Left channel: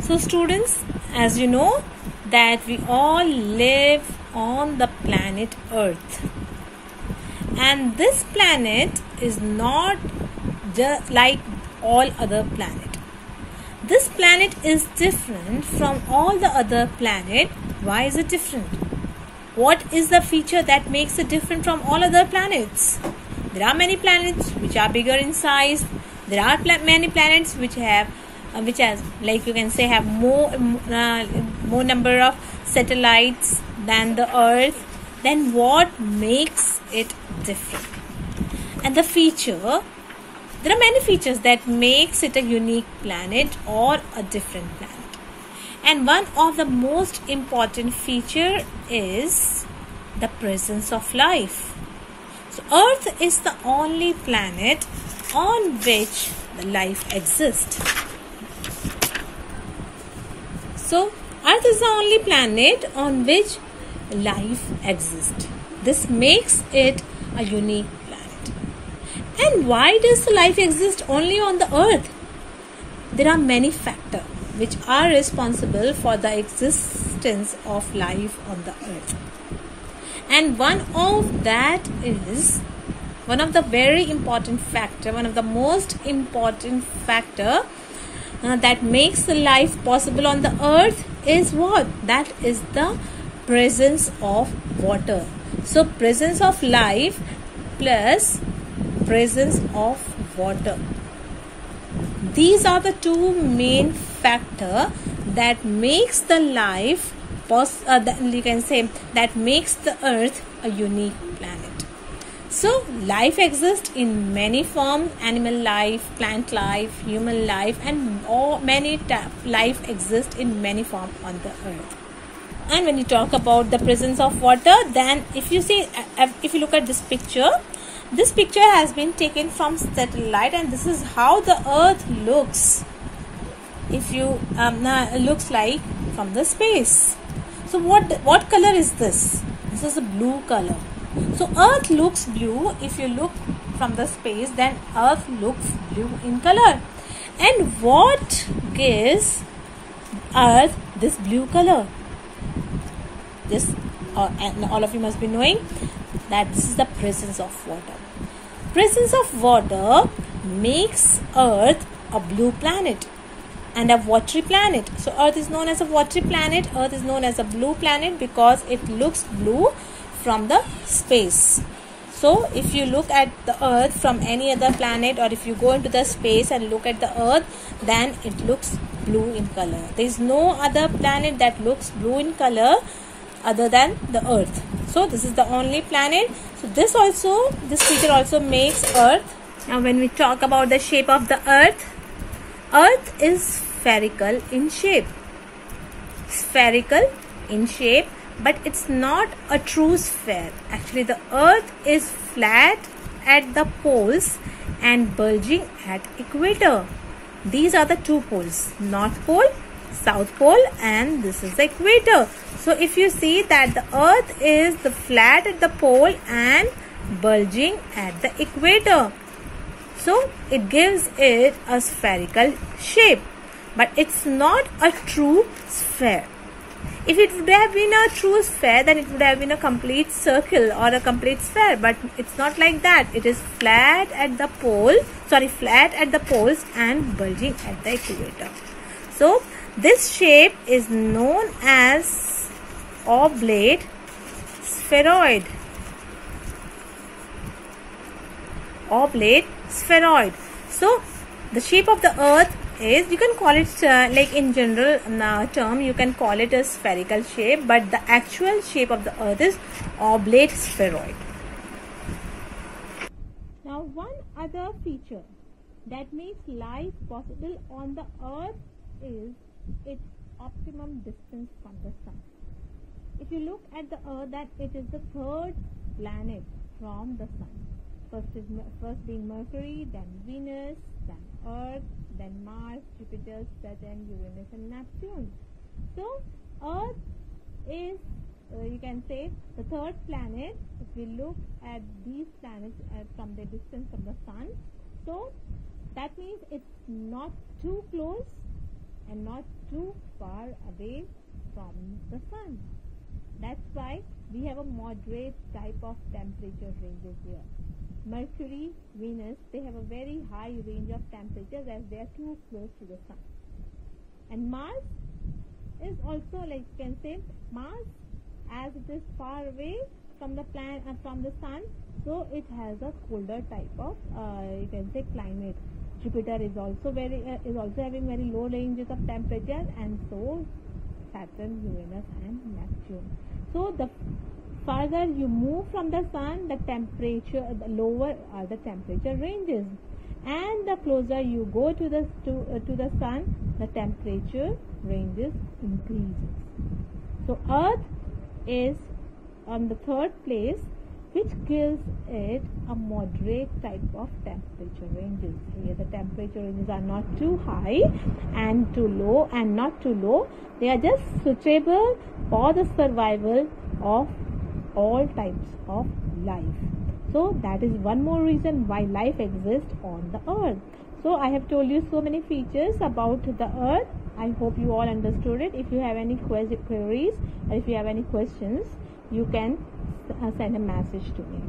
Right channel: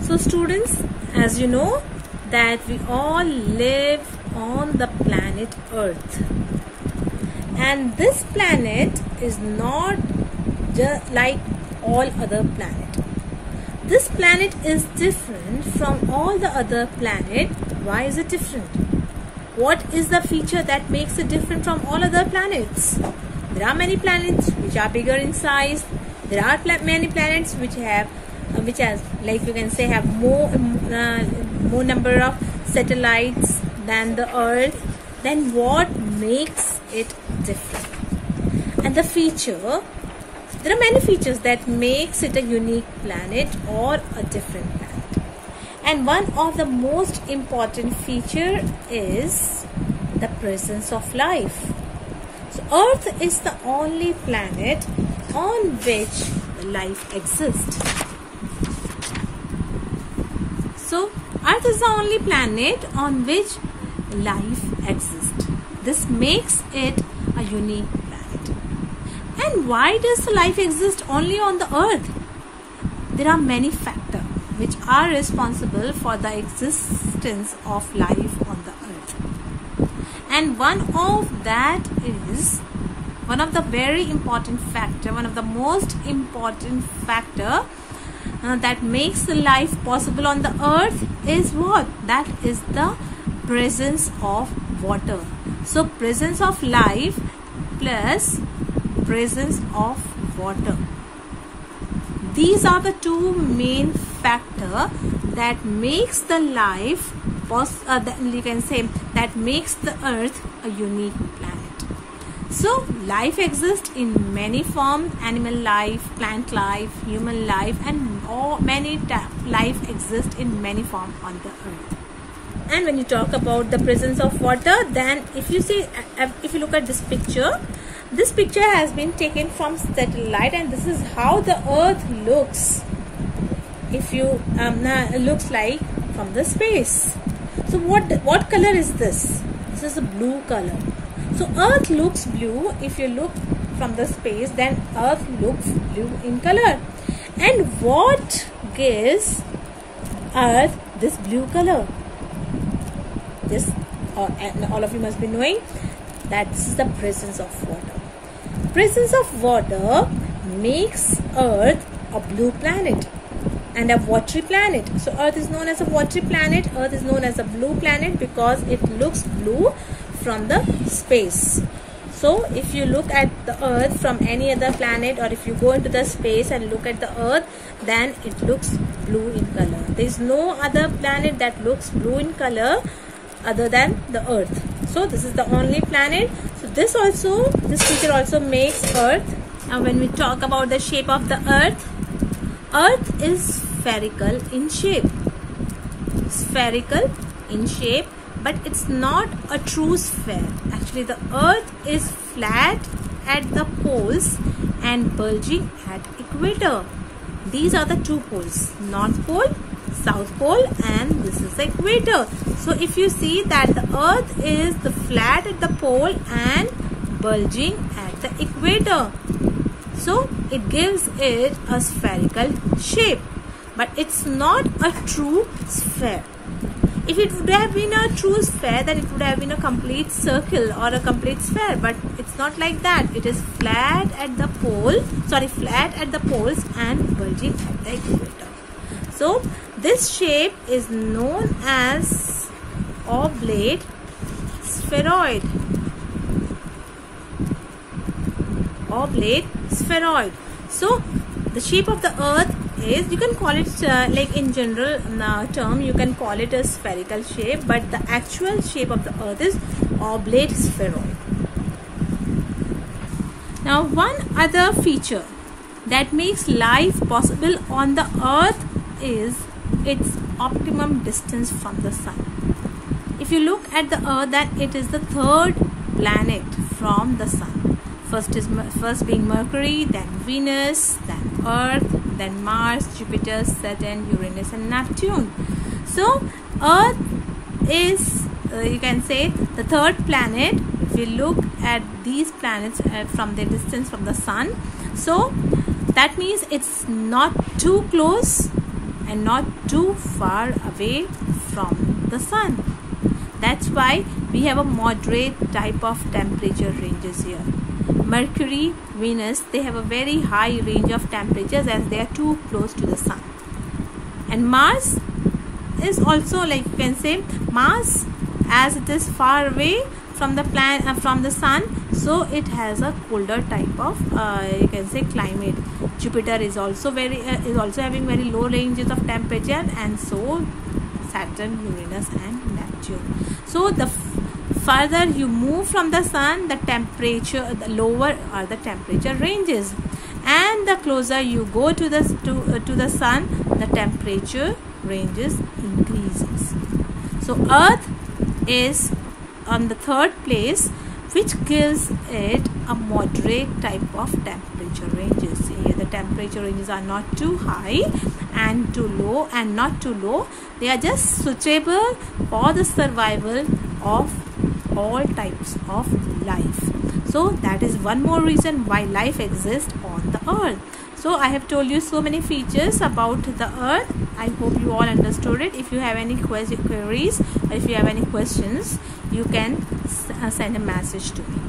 So students, as you know that we all live on the planet Earth, and this planet is not just like all other planets. This planet is different from all the other planets. Why is it different? What is the feature that makes it different from all other planets? There are many planets which are bigger in size. There are many planets which have like you can say have more number of satellites than the Earth. Then what makes it different? And the feature, there are many features that makes it a unique planet or a different planet. And one of the most important feature is the presence of life. So Earth is the only planet on which life exists. So Earth is the only planet on which life exists. This makes it a unique planet. And why does the life exist only on the Earth? There are many factors which are responsible for the existence of life on the Earth. And one of that is one of the very important factor, one of the most important factor that makes the life possible on the Earth is what? That is the presence of water. So presence of life plus presence of water. These are the two main factors that makes the life you can say that makes the Earth a unique planet. So life exists in many forms: animal life, plant life, human life, and many life exists in many forms on the Earth. And when you talk about the presence of water, then if you look at this picture has been taken from satellite, and this is how the Earth looks. If you looks like from the space. So what color is this? This is a blue color. So Earth looks blue. If you look from the space, then Earth looks blue in color. And what gives Earth this blue color? And all of you must be knowing that this is the presence of water. Presence of water makes Earth a blue planet and a watery planet. So Earth is known as a watery planet. Earth is known as a blue planet because it looks blue from the space. So if you look at the Earth from any other planet, or if you go into the space and look at the Earth, then it looks blue in color. There is no other planet that looks blue in color other than the Earth. So this is the only planet. So this feature also makes Earth. Now when we talk about the shape of the Earth is spherical in shape. Spherical in shape, but it's not a true sphere. Actually, the Earth is flat at the poles and bulging at equator. These are the two poles: North Pole, South Pole, and this is the equator. So if you see that the Earth is the flat at the pole and bulging at the equator, so it gives it a spherical shape, but it's not a true sphere. If it would have been a true sphere, then it would have been a complete circle or a complete sphere, but it's not like that. It is flat at the flat at the poles and bulging at the equator. So this shape is known as oblate spheroid. Oblate spheroid. So the shape of the Earth is, you can call it like in general term, you can call it a spherical shape, but the actual shape of the Earth is oblate spheroid. Now one other feature that makes life possible on the Earth is its optimum distance from the Sun. If you look at the Earth, then it is the third planet from the Sun. First being Mercury, then Venus, then Earth, then Mars, Jupiter, Saturn, Uranus, and Neptune. So Earth is you can say the third planet. If you look at these planets from their distance from the Sun, so that means it's not too close and not too far away from the sun. That's why we have a moderate type of temperature ranges here. Mercury, Venus, they have a very high range of temperatures as they are too close to the sun. And Mars is also, like you can say, Mars, as it is far away from the from the sun, so it has a colder type of you can say climate. Jupiter is also having very low ranges of temperature, and so Saturn, Uranus and Neptune. So the further you move from the sun, the lower are the temperature ranges, and the closer you go to the sun, the temperature ranges increases. So Earth is on the third place, which gives it a moderate type of temperature ranges. Here the temperature ranges are not too high and too low, and not too low. They are just suitable for the survival of all types of life. So that is one more reason why life exists on the earth. So I have told you so many features about the earth. I hope you all understood it. If you have any queries or if you have any questions, you can send a message to me.